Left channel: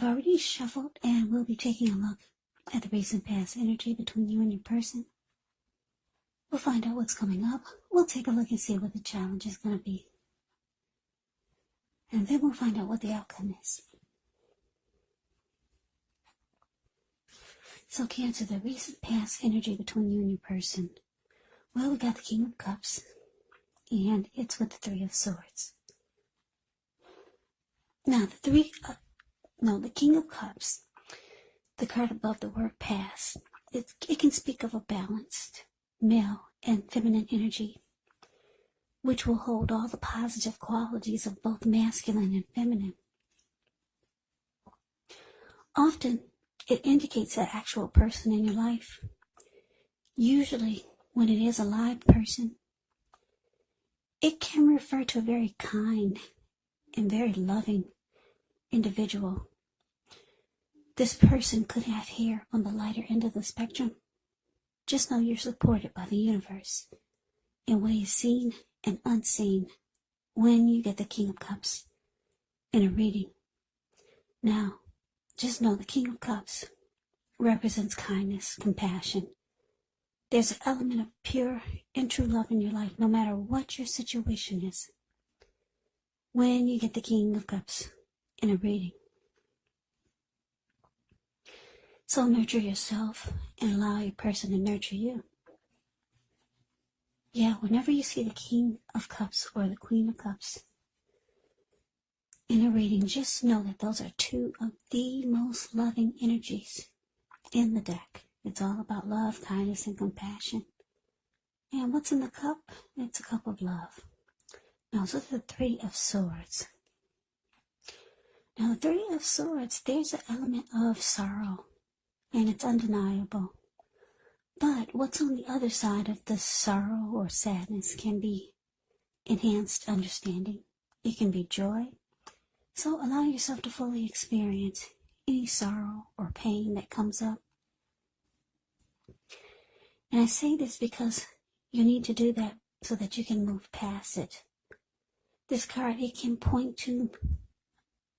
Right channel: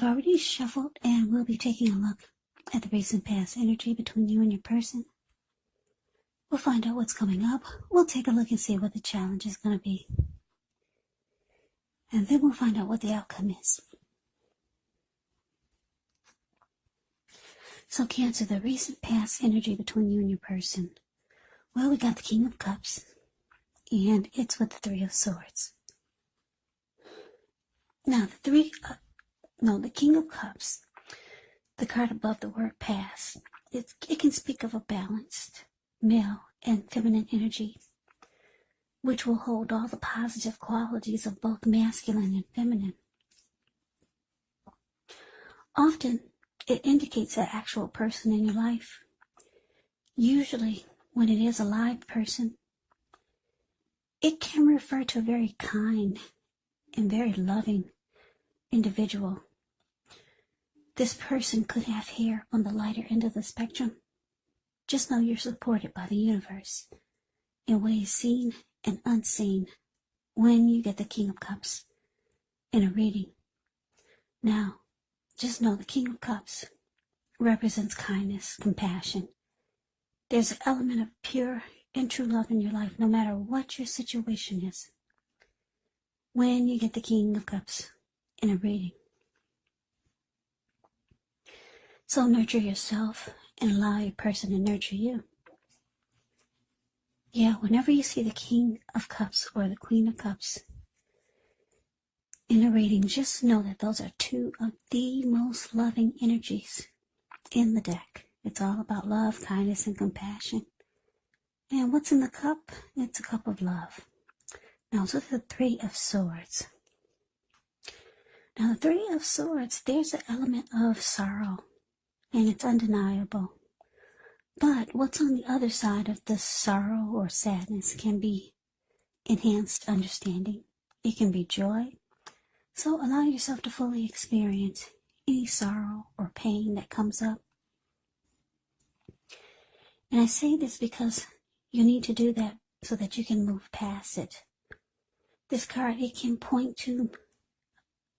I've already shuffled and we'll be taking a look at the recent past energy between you and your person. We'll find out what's coming up. We'll take a look and see what the challenge is going to be. And then we'll find out what the outcome is. So Cancer, the recent past energy between you and your person. Well, we got the King of Cups, and it's with the Three of Swords. Now, the King of Cups, the card above the word past, it can speak of a balanced male and feminine energy, which will hold all the positive qualities of both masculine and feminine. Often, it indicates an actual person in your life. Usually, when it is a live person, it can refer to a very kind and very loving individual. This person could have here on the lighter end of the spectrum. Just know you're supported by the universe in ways seen and unseen when you get the King of Cups in a reading. Now, just know the King of Cups represents kindness, compassion. There's an element of pure and true love in your life, no matter what your situation is, when you get the King of Cups in a reading. So nurture yourself and allow your person to nurture you. Yeah, whenever you see the King of Cups or the Queen of Cups in a reading, just know that those are two of the most loving energies in the deck. It's all about love, kindness, and compassion. And what's in the cup? It's a cup of love. Now, so the Three of Swords. Now, the Three of Swords, there's an element of sorrow, and it's undeniable. But what's on the other side of the sorrow or sadness can be enhanced understanding. It can be joy. So allow yourself to fully experience any sorrow or pain that comes up. And I say this because you need to do that so that you can move past it. This card, it can point to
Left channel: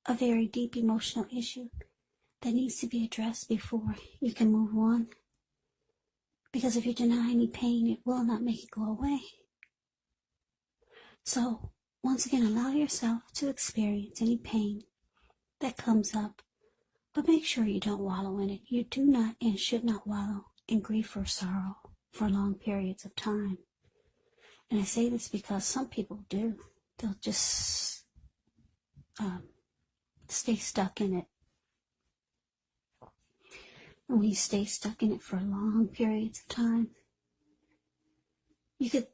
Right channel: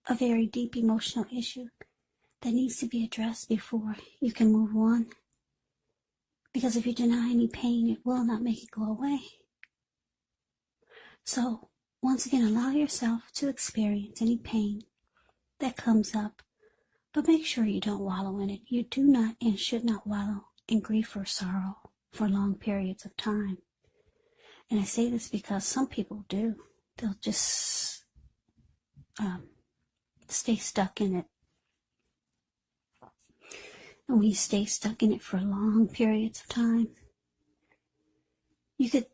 a very deep emotional issue that needs to be addressed before you can move on. Because if you deny any pain, it will not make it go away. So, once again, allow yourself to experience any pain that comes up, but make sure you don't wallow in it. You do not and should not wallow in grief or sorrow for long periods of time. And I say this because some people do. They'll just stay stuck in it. And when you stay stuck in it for long periods of time, you could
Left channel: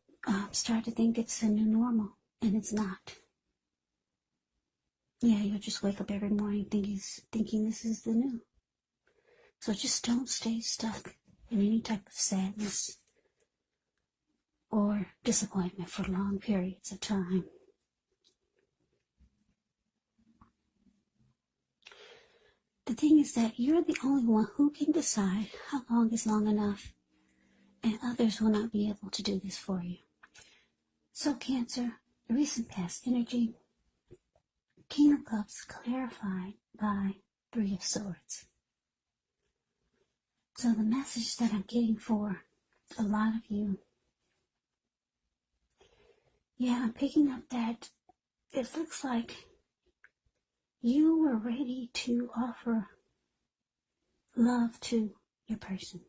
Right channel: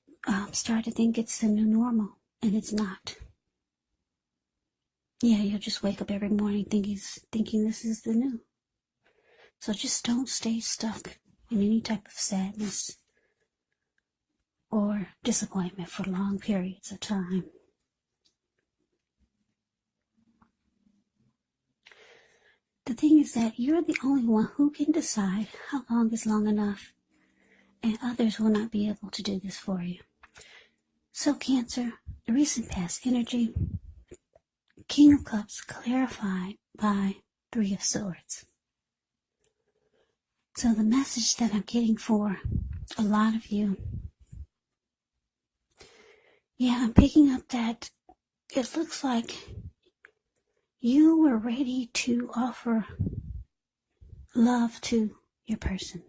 start to think it's the new normal, and it's not. Yeah, you'll just wake up every morning thinking this is the new. So just don't stay stuck in any type of sadness or disappointment for long periods of time. The thing is that you're the only one who can decide how long is long enough, and others will not be able to do this for you. So Cancer, the recent past energy, King of Cups clarified by Three of Swords. So the message that I'm getting for a lot of you, yeah, I'm picking up that it looks like you were ready to offer love to your person.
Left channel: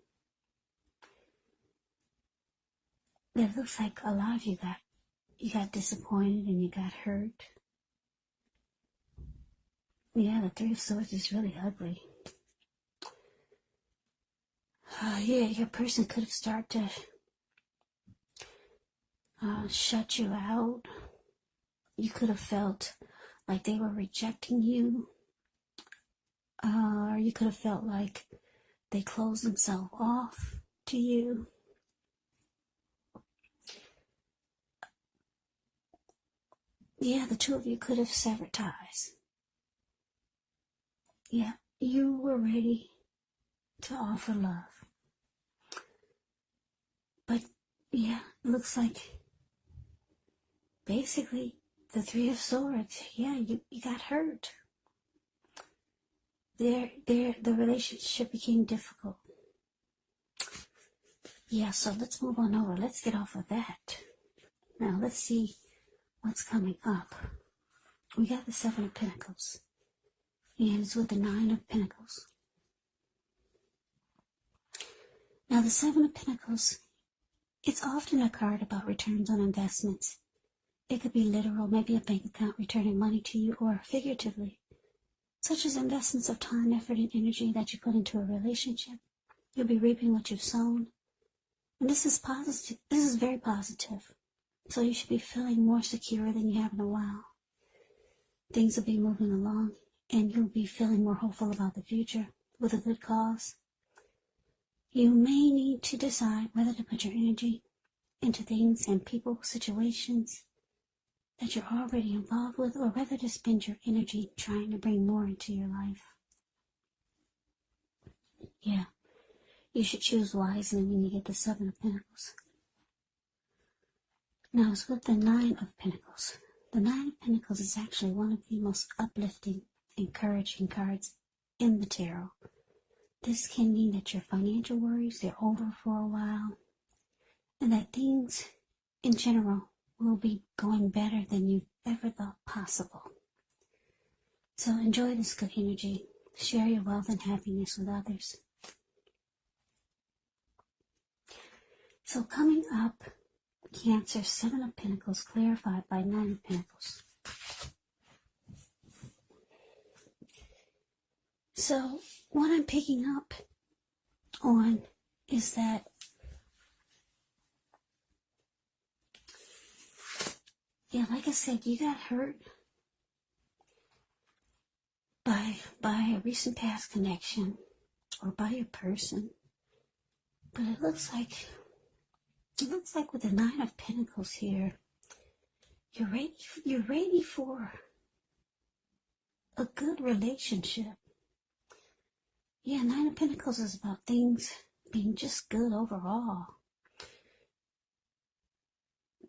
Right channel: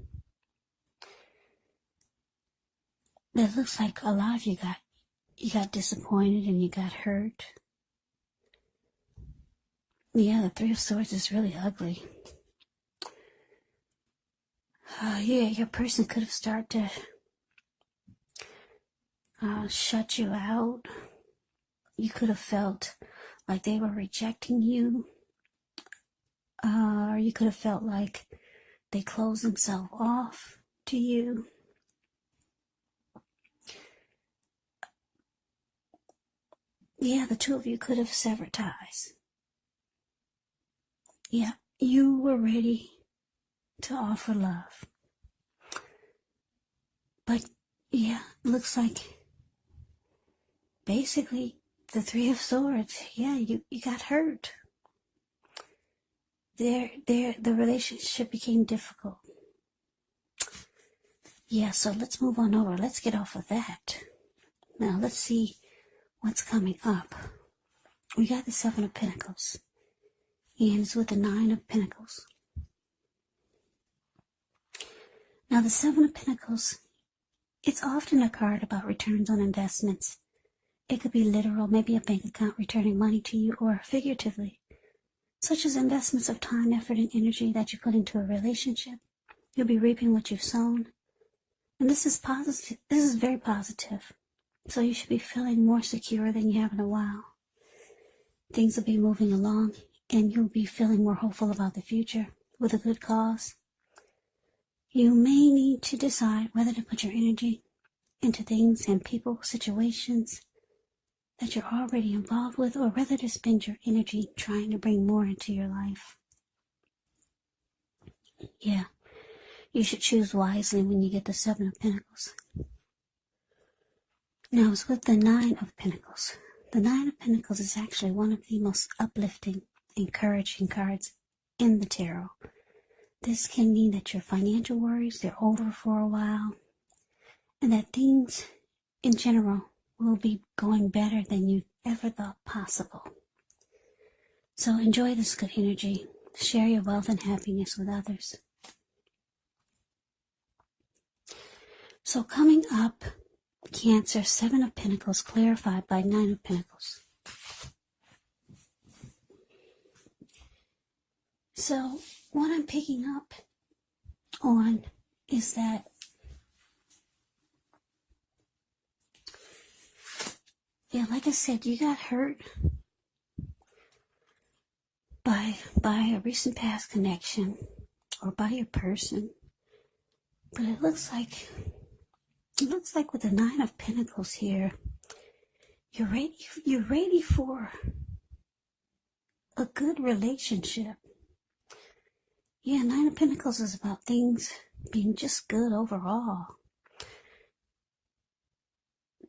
It looks like a lot of you got disappointed and you got hurt. Yeah, the Three of Swords is really ugly. Yeah, your person could have started to shut you out. You could have felt like they were rejecting you. Or you could have felt like they closed themselves off to you. Yeah, the two of you could have severed ties. Yeah, you were ready to offer love. But, yeah, looks like basically the Three of Swords, yeah, you got hurt. the relationship became difficult. Yeah, so let's move on over. Let's get off of that. Now let's see what's coming up. We got the Seven of Pentacles, and it's with the Nine of Pentacles. Now the Seven of Pentacles, it's often a card about returns on investments. It could be literal, maybe a bank account returning money to you, or figuratively, such as investments of time, effort, and energy that you put into a relationship. You'll be reaping what you've sown. And this is positive. This is very positive. So you should be feeling more secure than you have in a while. Things will be moving along, and you'll be feeling more hopeful about the future with a good cause. You may need to decide whether to put your energy into things and people, situations that you're already involved with, or whether to spend your energy trying to bring more into your life. Yeah, you should choose wisely when you get the Seven of Pentacles. Now it's with the Nine of Pentacles. The Nine of Pentacles is actually one of the most uplifting, encouraging cards in the tarot. This can mean that your financial worries, they're over for a while, and that things in general will be going better than you ever thought possible. So enjoy this good energy. Share your wealth and happiness with others. So coming up, Cancer, Seven of Pentacles clarified by Nine of Pentacles. So what I'm picking up on is that like I said, you got hurt by a recent past connection or by your person. But it looks like with the Nine of Pentacles here, you're ready for a good relationship. Yeah, Nine of Pentacles is about things being just good overall.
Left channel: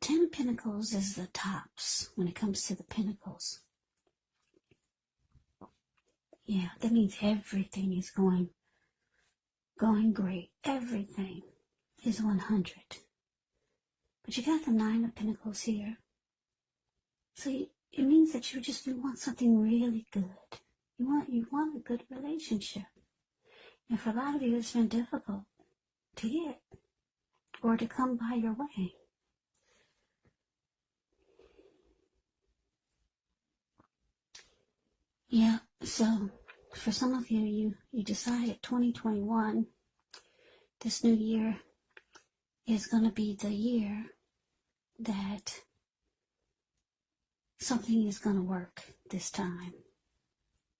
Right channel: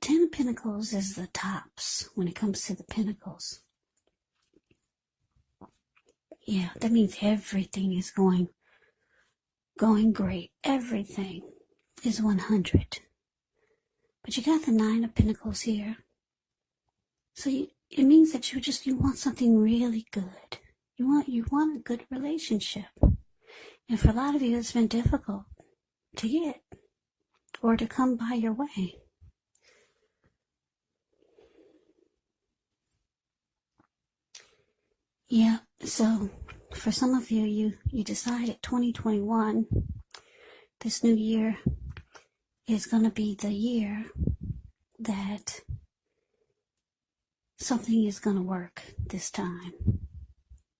Ten of Pentacles is the tops when it comes to the Pentacles. Yeah, that means everything is going great. Everything is 100. But you got the Nine of Pentacles here. So it means that you want something really good. You want a good relationship. And for a lot of you, it's been difficult to get or to come by your way. Yeah, so for some of you, you decided 2021, this new year, is going to be the year that something is going to work this time.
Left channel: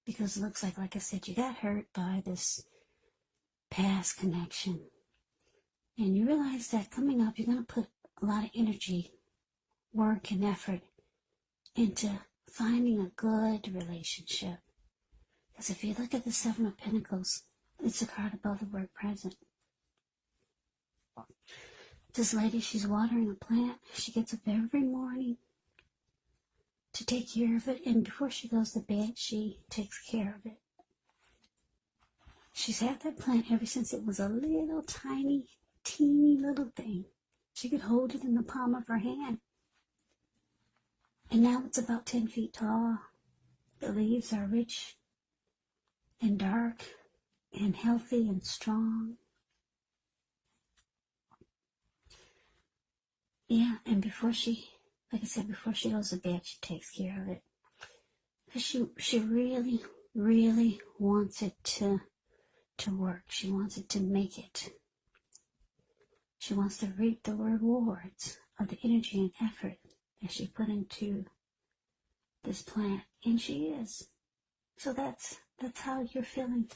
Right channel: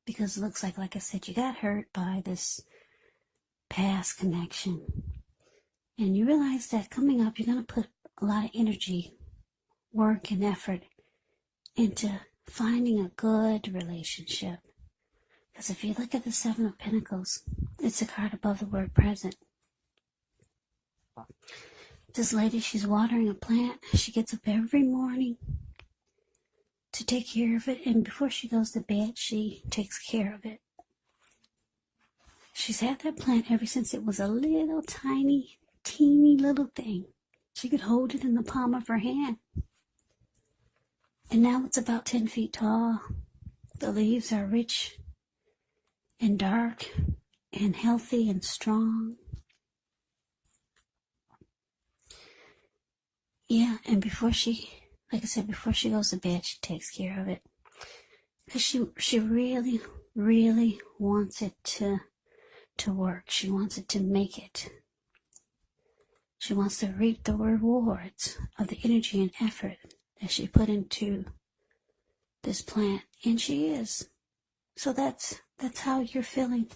Because it looks like I said, you got hurt by this past connection. And you realize that coming up, you're going to put a lot of energy, work, and effort into finding a good relationship. Because if you look at the Seven of Pentacles, it's a card above the word present. This lady, she's watering a plant. She gets up every morning to take care of it. And before she goes to bed, she takes care of it. She's had that plant ever since it was a little tiny, teeny little thing. She could hold it in the palm of her hand. And now it's about 10 feet tall. The leaves are rich and dark and healthy and strong. Yeah, and before she goes to bed, she takes care of it. Because she really, really wants it to work. She wants it to make it. She wants to reap the rewards of the energy and effort that she put into this plant. And she is. So that's how you're feeling.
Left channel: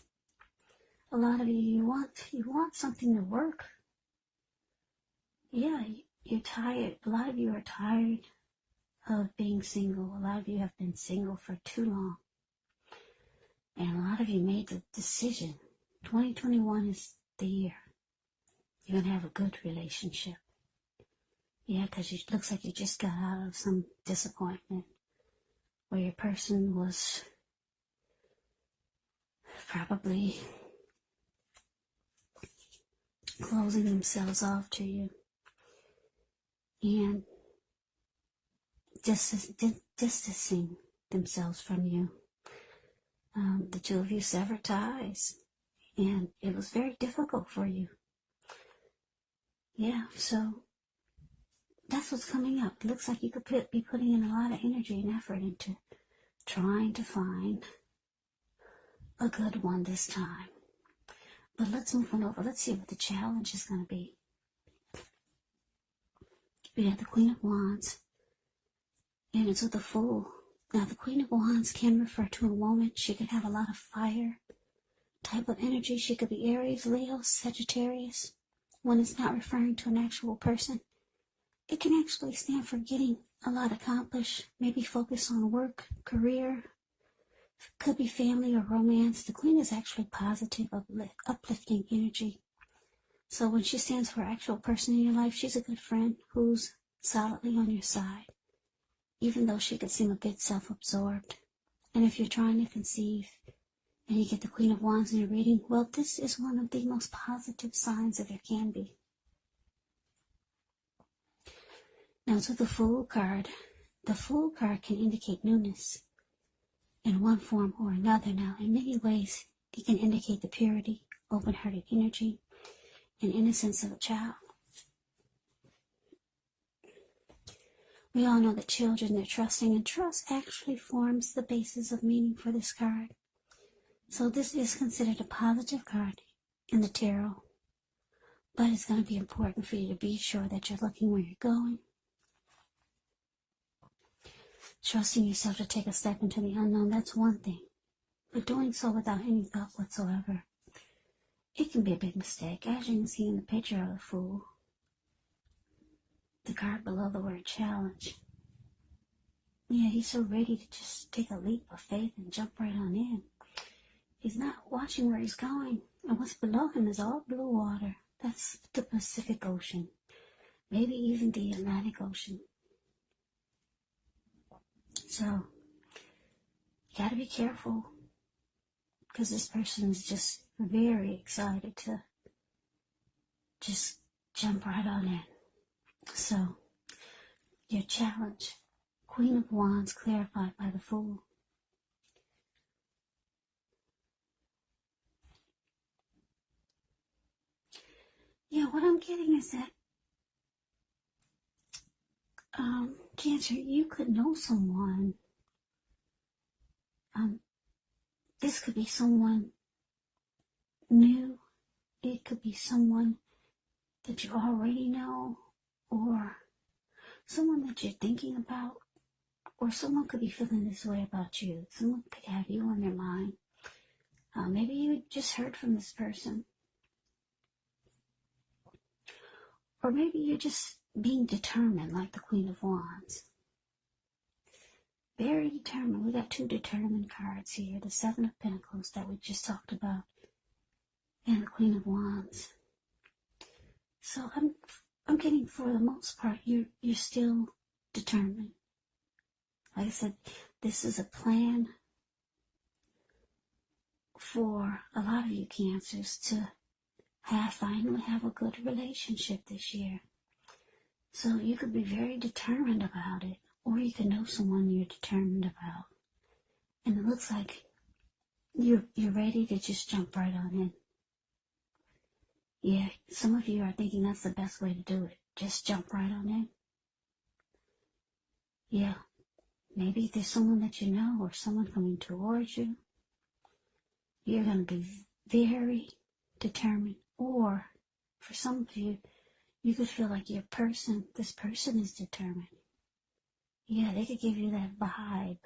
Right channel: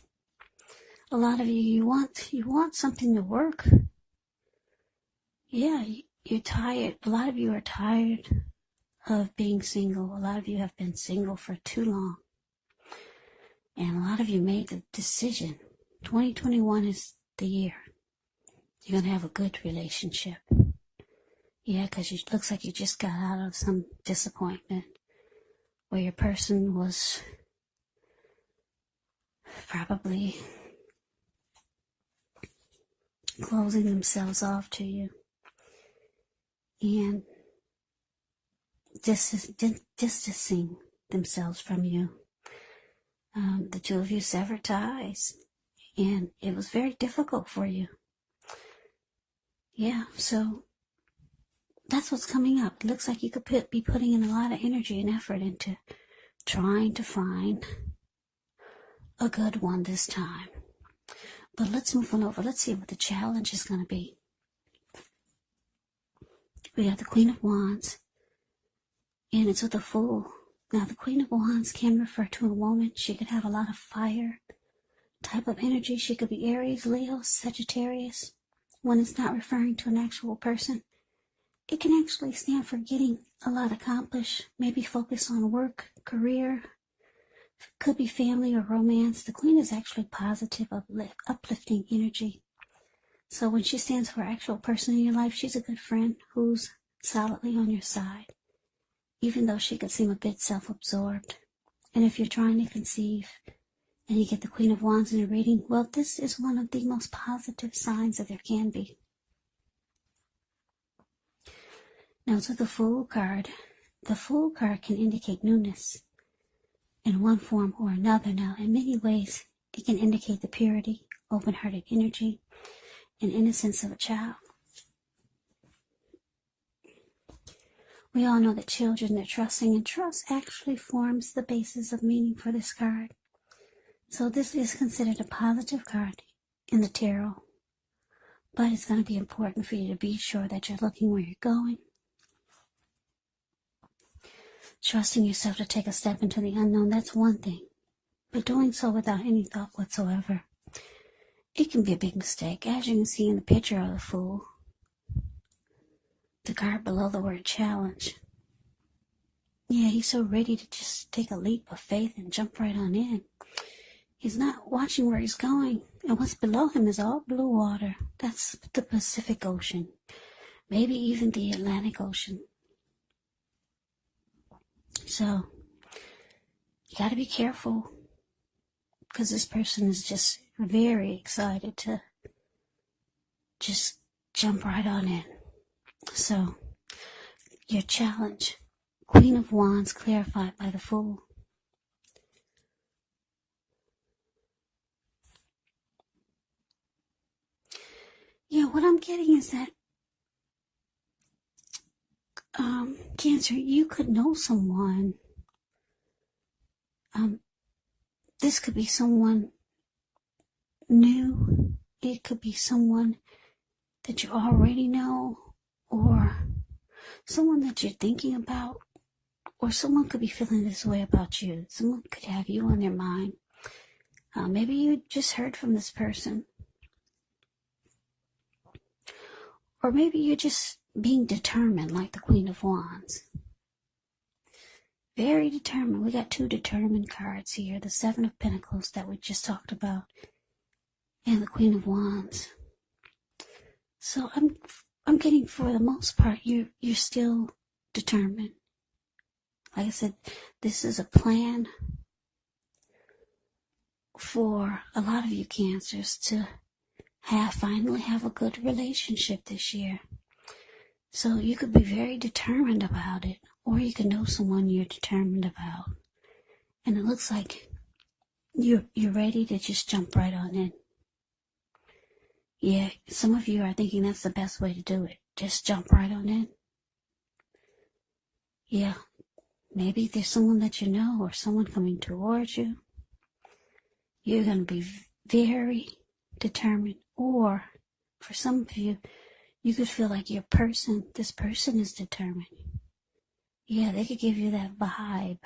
A lot of you want something to work. Yeah, you're tired. A lot of you are tired of being single. A lot of you have been single for too long. And a lot of you made the decision. 2021 is the year. You're going to have a good relationship. Yeah, because it looks like you just got out of some disappointment where your person was probably closing themselves off to you and distancing themselves from you. The two of you severed ties, and it was very difficult for you. Yeah, so that's what's coming up. It looks like you could be putting in a lot of energy and effort into trying to find a good one this time. But let's move on over. Let's see what the challenge is going to be. We have the Queen of Wands, and it's with a Fool. Now, the Queen of Wands can refer to a woman. She could have a lot of fire type of energy. She could be Aries, Leo, Sagittarius. When it's not referring to an actual person, it can actually stand for getting a lot accomplished. Maybe focus on work, career. Could be family or romance. The Queen is actually positive, uplifting energy. So when she stands for an actual person in your life, she's a good friend who's solidly on your side, even though she could seem a bit self-absorbed. And if you're trying to conceive and you get the Queen of Wands in your reading, well, this is one of the most positive signs that there can be. Now, to the Fool card. The Fool card can indicate newness in one form or another. Now, in many ways, it can indicate the purity, open-hearted energy, and innocence of a child. We all know that children are trusting, and trust actually forms the basis of meaning for this card. So this is considered a positive card in the tarot, but it's going to be important for you to be sure that you're looking where you're going, trusting yourself to take a step into the unknown. That's one thing, but doing so without any thought whatsoever, it can be a big mistake. As you can see in the picture of the Fool, the card below the word challenge. Yeah, he's so ready to just take a leap of faith and jump right on in. He's not watching where he's going, and what's below him is all blue water. That's the Pacific Ocean, maybe even the Atlantic Ocean. So, you got to be careful, because this person is just very excited to just jump right on in. So, your challenge, Queen of Wands clarified by the Fool. Yeah, what I'm getting is that, Cancer, you could know someone. This could be someone new. It could be someone that you already know, or someone that you're thinking about, or someone could be feeling this way about you. Someone could have you on their mind. Maybe you just heard from this person, or maybe you're just being determined, like the Queen of Wands. Very determined. We got two determined cards here. The Seven of Pentacles that we just talked about, and the Queen of Wands. So I'm getting, for the most part, you're still determined. Like I said, this is a plan for a lot of you Cancers to finally have a good relationship this year. So you could be very determined about it, or you could know someone you're determined about, and it looks like you're ready to just jump right on in. Yeah, some of you are thinking that's the best way to do it. Just jump right on in. Yeah, maybe there's someone that you know, or someone coming towards you. You're going to be very determined, or for some of you, you could feel like this person is determined. Yeah, they could give you that vibe,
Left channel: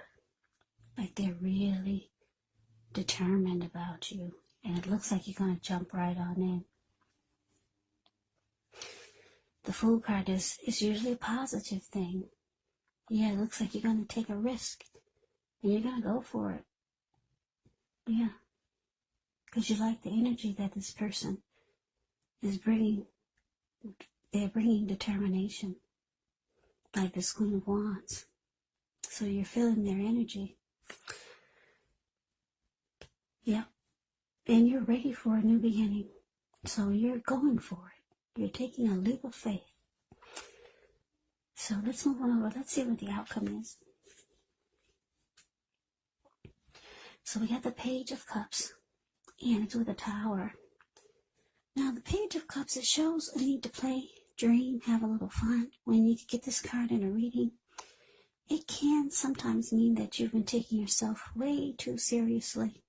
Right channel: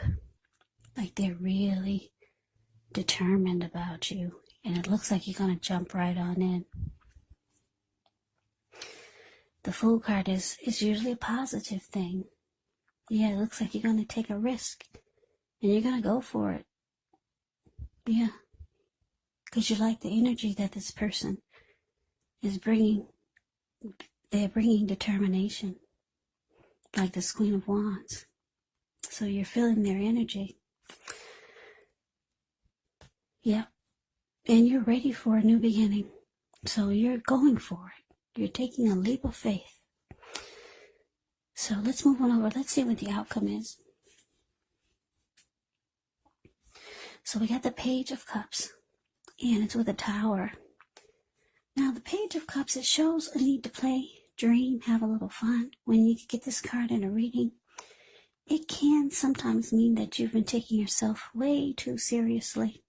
like they're really determined about you, and it looks like you're going to jump right on in. The Fool card is usually a positive thing. Yeah, it looks like you're going to take a risk, and you're going to go for it. Yeah, because you like the energy that this person is bringing. They're bringing determination, like this Queen of Wands. So you're feeling their energy. Yeah. and you're ready for a new beginning. So you're going for it. You're taking a leap of faith. So let's move on over. Let's see what the outcome is. So we got the Page of Cups, and it's with a Tower. Now, the Page of Cups, it shows a need to play, dream, have a little fun. When you get this card in a reading, it can sometimes mean that you've been taking yourself way too seriously.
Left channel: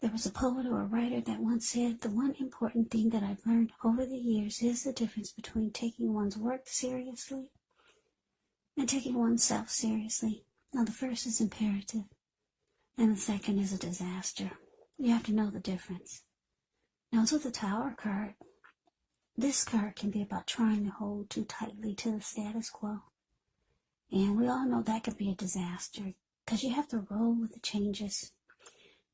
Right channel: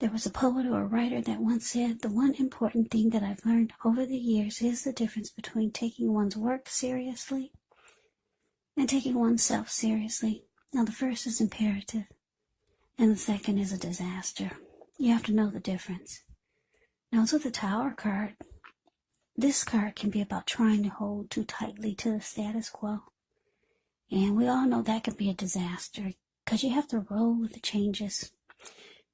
There was a poet or a writer that once said, the one important thing that I've learned over the years is the difference between taking one's work seriously and taking oneself seriously. Now, the first is imperative, and the second is a disaster. You have to know the difference. Now, it's with the Tower card. This card can be about trying to hold too tightly to the status quo. And we all know that can be a disaster because you have to roll with the changes.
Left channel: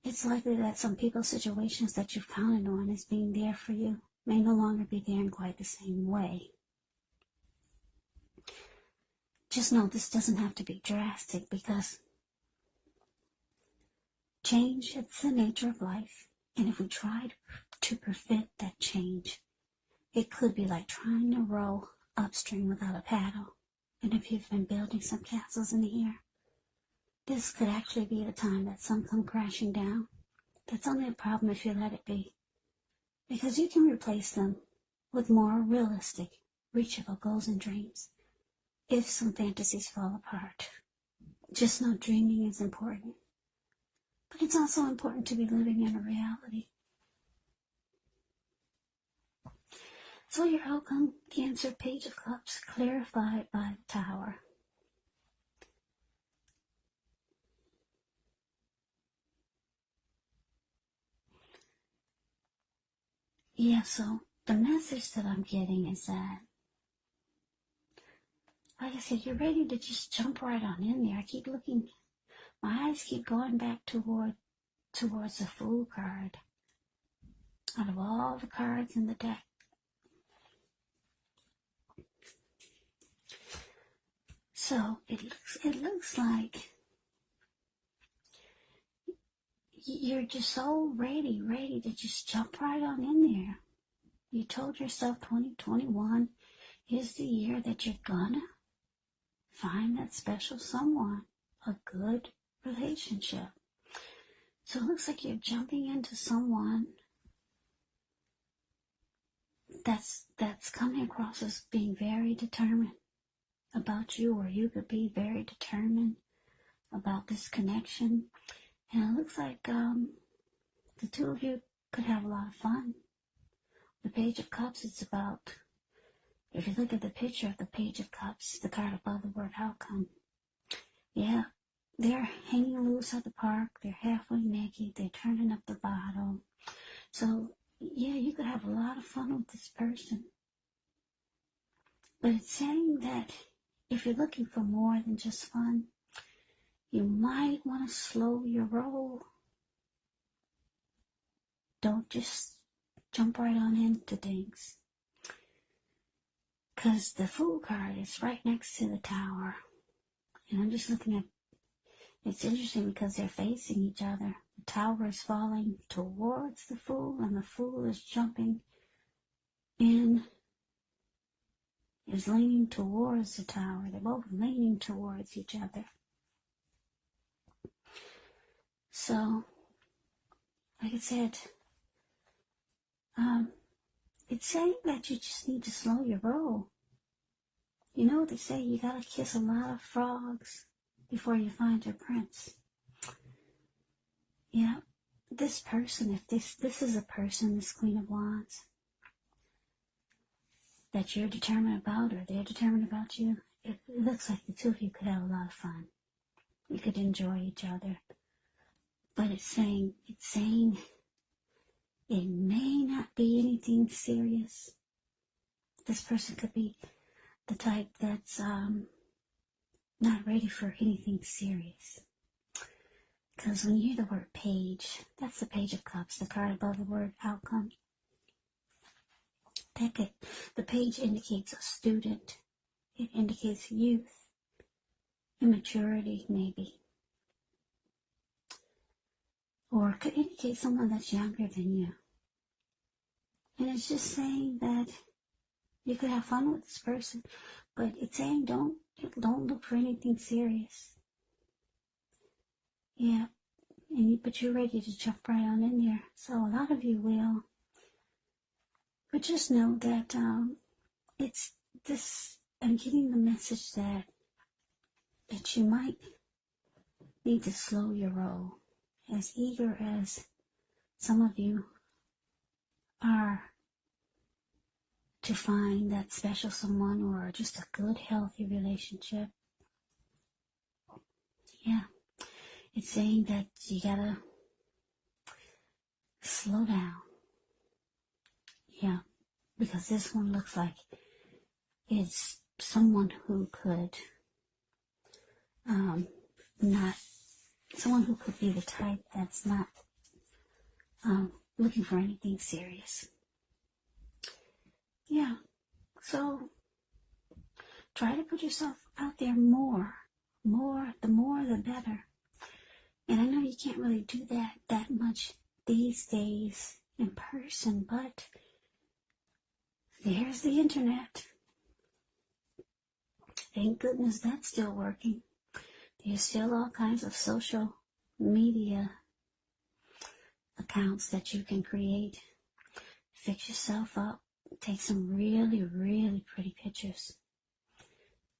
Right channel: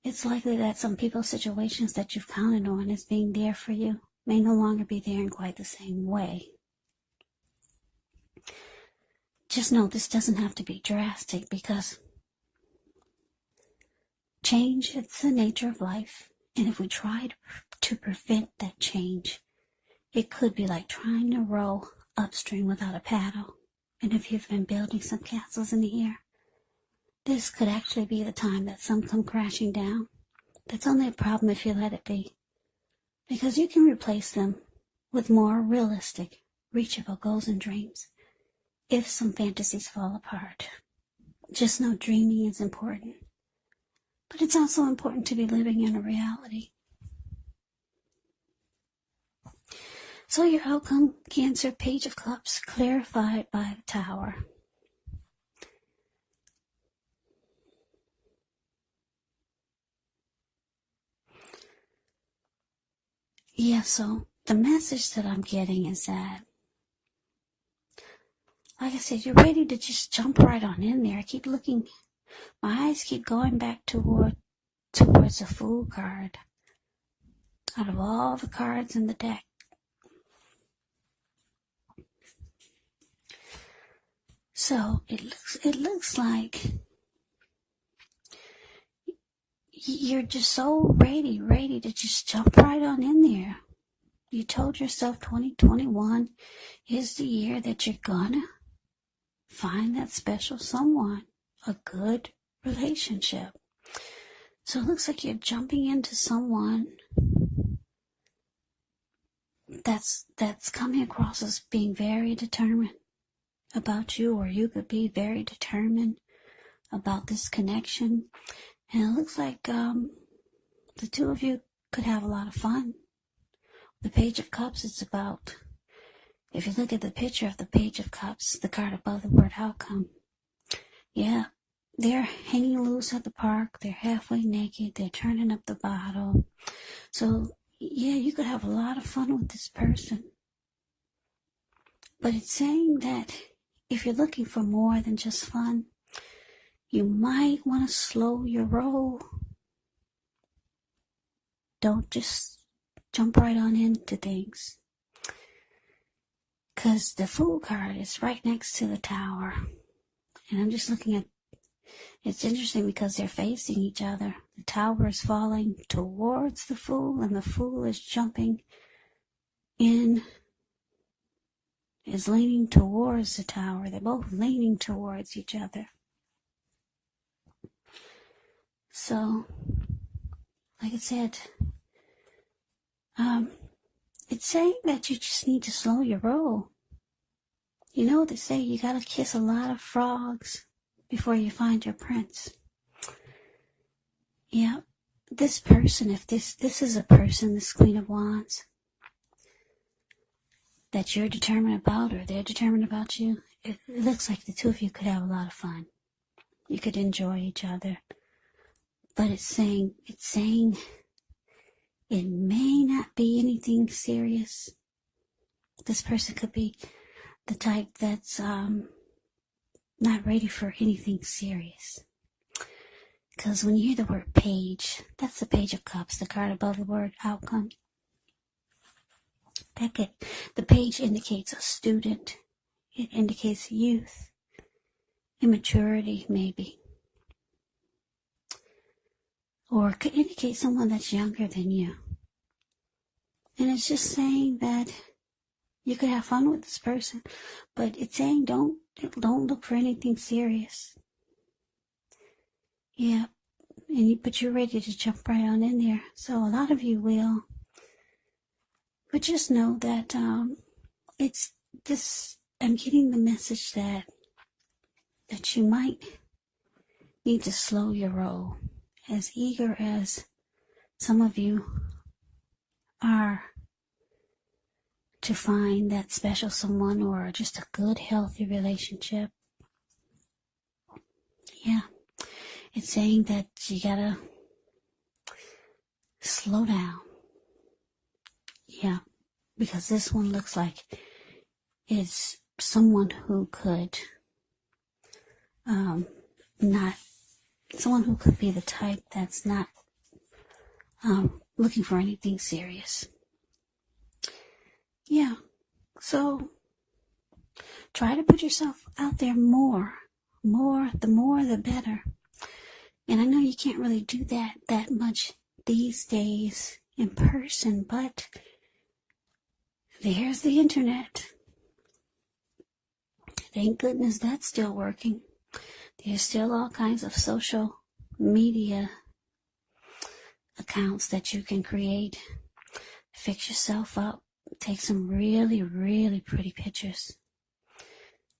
It's likely that some people's situations that you've counted on as being there for you may no longer be there in quite the same way. Just know this doesn't have to be drastic because change, it's the nature of life. And if we try to prevent that change, it could be like trying to row upstream without a paddle. And if you've been building some castles in the air, this could actually be the time that some come crashing down. That's only a problem if you let it be, because you can replace them with more realistic, reachable goals and dreams if some fantasies fall apart. Just know dreaming is important, but it's also important to be living in a reality. So your outcome, Cancer, Page of Cups, clarified by the Tower. Yeah, so the message that I'm getting is that, like I said, you're ready to just jump right on in there. I keep looking, my eyes keep going back towards the Fool card. Out of all the cards in the deck, so it looks like you're just so ready to just jump right on in there. You told yourself 2021 is the year that you're gonna find that special someone, a good relationship. So it looks like you're jumping into someone that's coming across as being very determined about you, or you could be very determined about this connection. And it looks like the two of you could have a lot of fun. The Page of Cups, it's about, if you look at the picture of the Page of Cups, the card above the word outcome, yeah, they're hanging loose at the park, they're halfway naked, they're turning up the bottle. So, yeah, you could have a lot of fun with this person. But it's saying that if you're looking for more than just fun, you might want to slow your roll. Don't just jump right on into things. Because the Fool card is right next to the Tower. And I'm just looking at, it's interesting because they're facing each other. The Tower is falling towards the Fool, and the Fool is jumping in, is leaning towards the Tower. They're both leaning towards each other. So, like I said, it's saying that you just need to slow your roll. You know, they say you gotta kiss a lot of frogs before you find your prince. Yeah, this person, if this is a person, this Queen of Wands, that you're determined about, or they're determined about you, it looks like the two of you could have a lot of fun. You could enjoy each other. But it's saying it may not be anything serious. This person could be the type that's not ready for anything serious. Because when you hear the word page, that's the Page of Cups, the card above the word outcome. The page indicates a student. It indicates youth, immaturity maybe. or could indicate someone that's younger than you. And it's just saying that you could have fun with this person, but it's saying don't look for anything serious. Yeah, but you're ready to jump right on in there. So a lot of you will. But just know that it's this. I'm getting the message that you might need to slow your roll. As eager as some of you are to find that special someone or just a good, healthy relationship. Yeah, it's saying that you gotta slow down. Yeah, because this one looks like it's someone who could someone who could be the type that's not looking for anything serious. Yeah, so try to put yourself out there more, the more the better. And I know you can't really do that much these days in person, but there's the internet. Thank goodness that's still working. There's still all kinds of social media accounts that you can create. Fix yourself up. Take some really, really pretty pictures.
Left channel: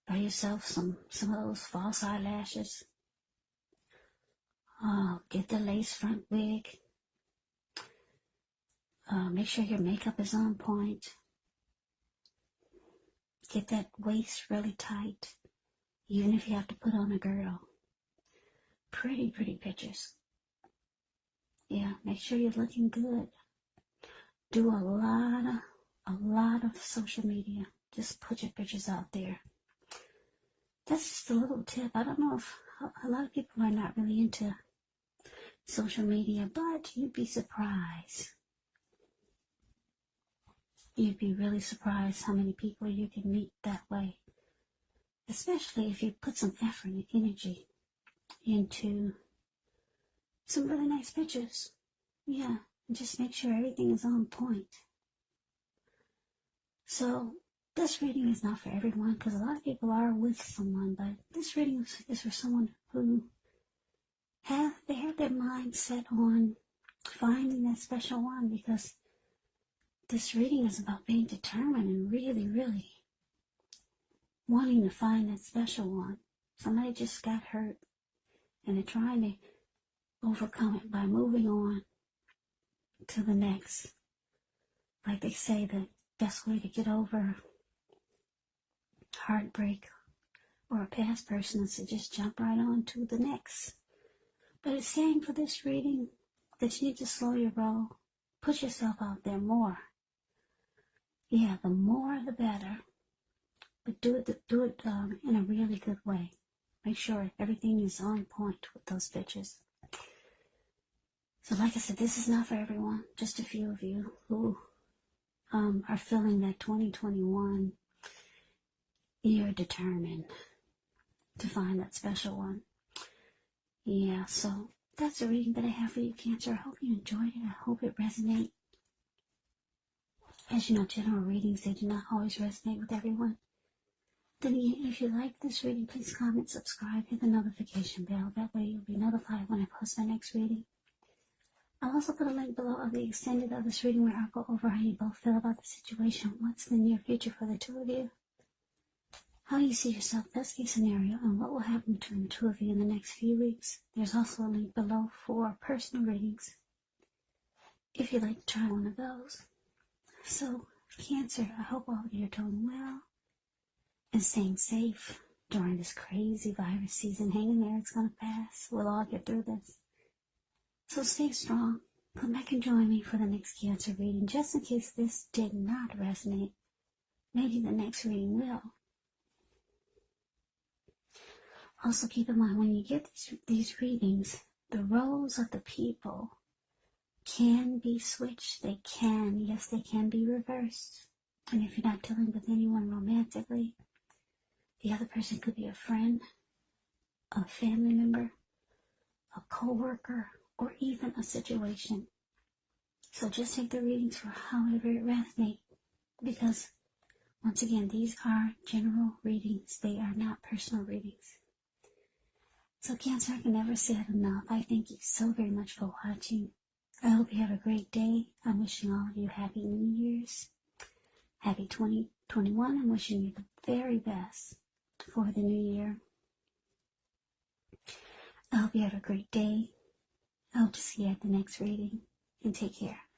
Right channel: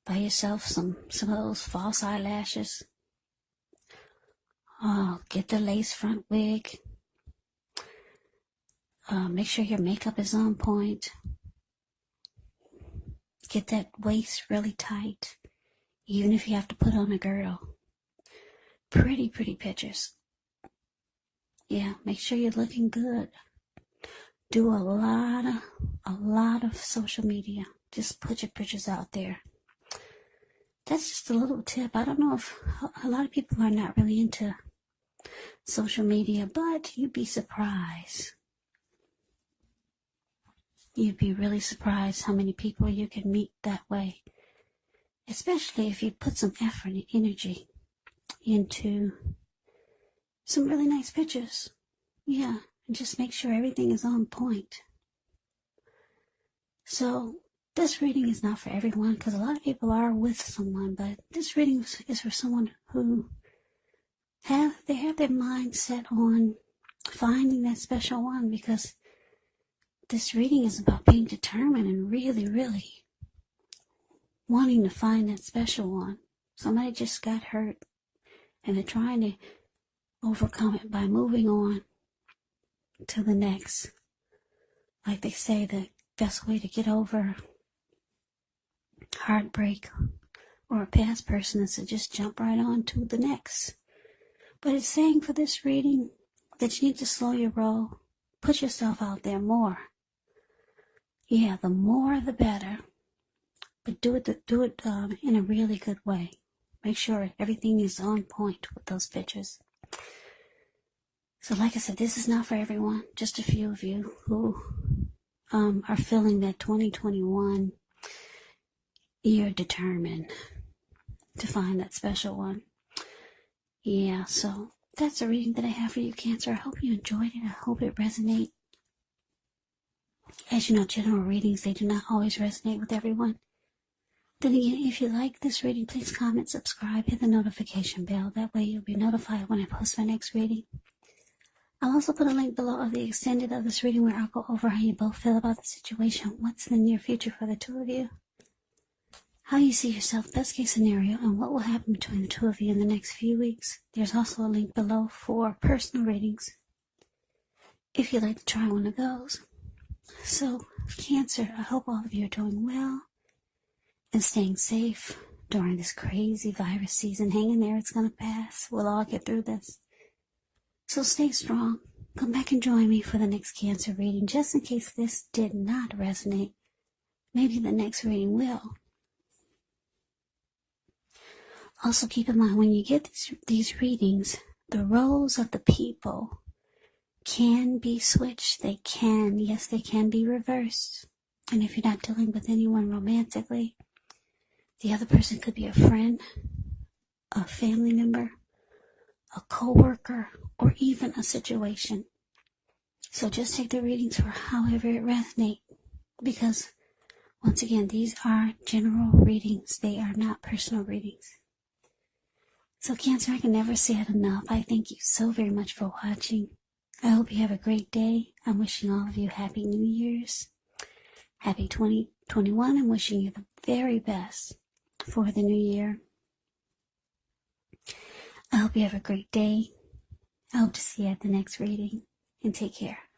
Buy yourself some of those false eyelashes. Oh, get the lace front wig. Make sure your makeup is on point. Get that waist really tight, even if you have to put on a girdle. Pretty pictures. Yeah, make sure you're looking good. Do a lot of social media. Just put your pictures out there. That's just a little tip. I don't know if a lot of people are not really into social media, but you'd be surprised. You'd be really surprised how many people you can meet that way. Especially if you put some effort and energy into some really nice pictures. Yeah, and just make sure everything is on point. So this reading is not for everyone because a lot of people are with someone, but this reading is for someone who have their mind set on finding that special one, because this reading is about being determined and really, really wanting to find that special one. Somebody just got hurt and they're trying to overcome it by moving on to the next. Like they say, the best way to get over heartbreak or a past person is to just jump right on to the next. But it's saying for this reading that you need to slow your roll. Put yourself out there more. Yeah, the more the better. But do it in a really good way. Make sure everything is on point with those pictures. So like I said, this is not for everyone. Just a few of you who are feeling that 2021, you're determined to find that special one. Yeah, so that's a reading that I have for you, Cancer. I hope you enjoyed it. I hope it resonates. As you know, general readings, they do not always resonate with everyone. Then again, if you like this reading, please comment, subscribe, hit the notification bell. That way you'll be notified when I post my next reading. I'll also put a link below of the extended of this reading where I'll go over how you both feel about the situation, what's in the near future for the two of you, how you see yourself, best case scenario, and what will happen between the two of you in the next few weeks. There's also a link below for personal readings, if you'd like to try one of those. So, Cancer, I hope all of you are doing well and staying safe during this crazy virus season. Hang in there, it's going to pass. We'll all get through this. So stay strong. Come back and join me for the next Cancer reading, just in case this did not resonate. Maybe the next reading will. Also keep in mind, when you get these readings, the roles of the people can be switched. They can be reversed. And if you're not dealing with anyone romantically, the other person could be a friend, a family member, a co-worker, or even a situation. So just take the readings for however it resonates, because once again, these are general readings. They are not personal readings. So Cancer, I can never say it enough. I thank you so very much for watching. I hope you have a great day. I'm wishing all of you Happy New Year's. Happy 2021. I'm wishing you the very best for the new year. I hope you have a great day. I hope to see you at the next reading. And take care.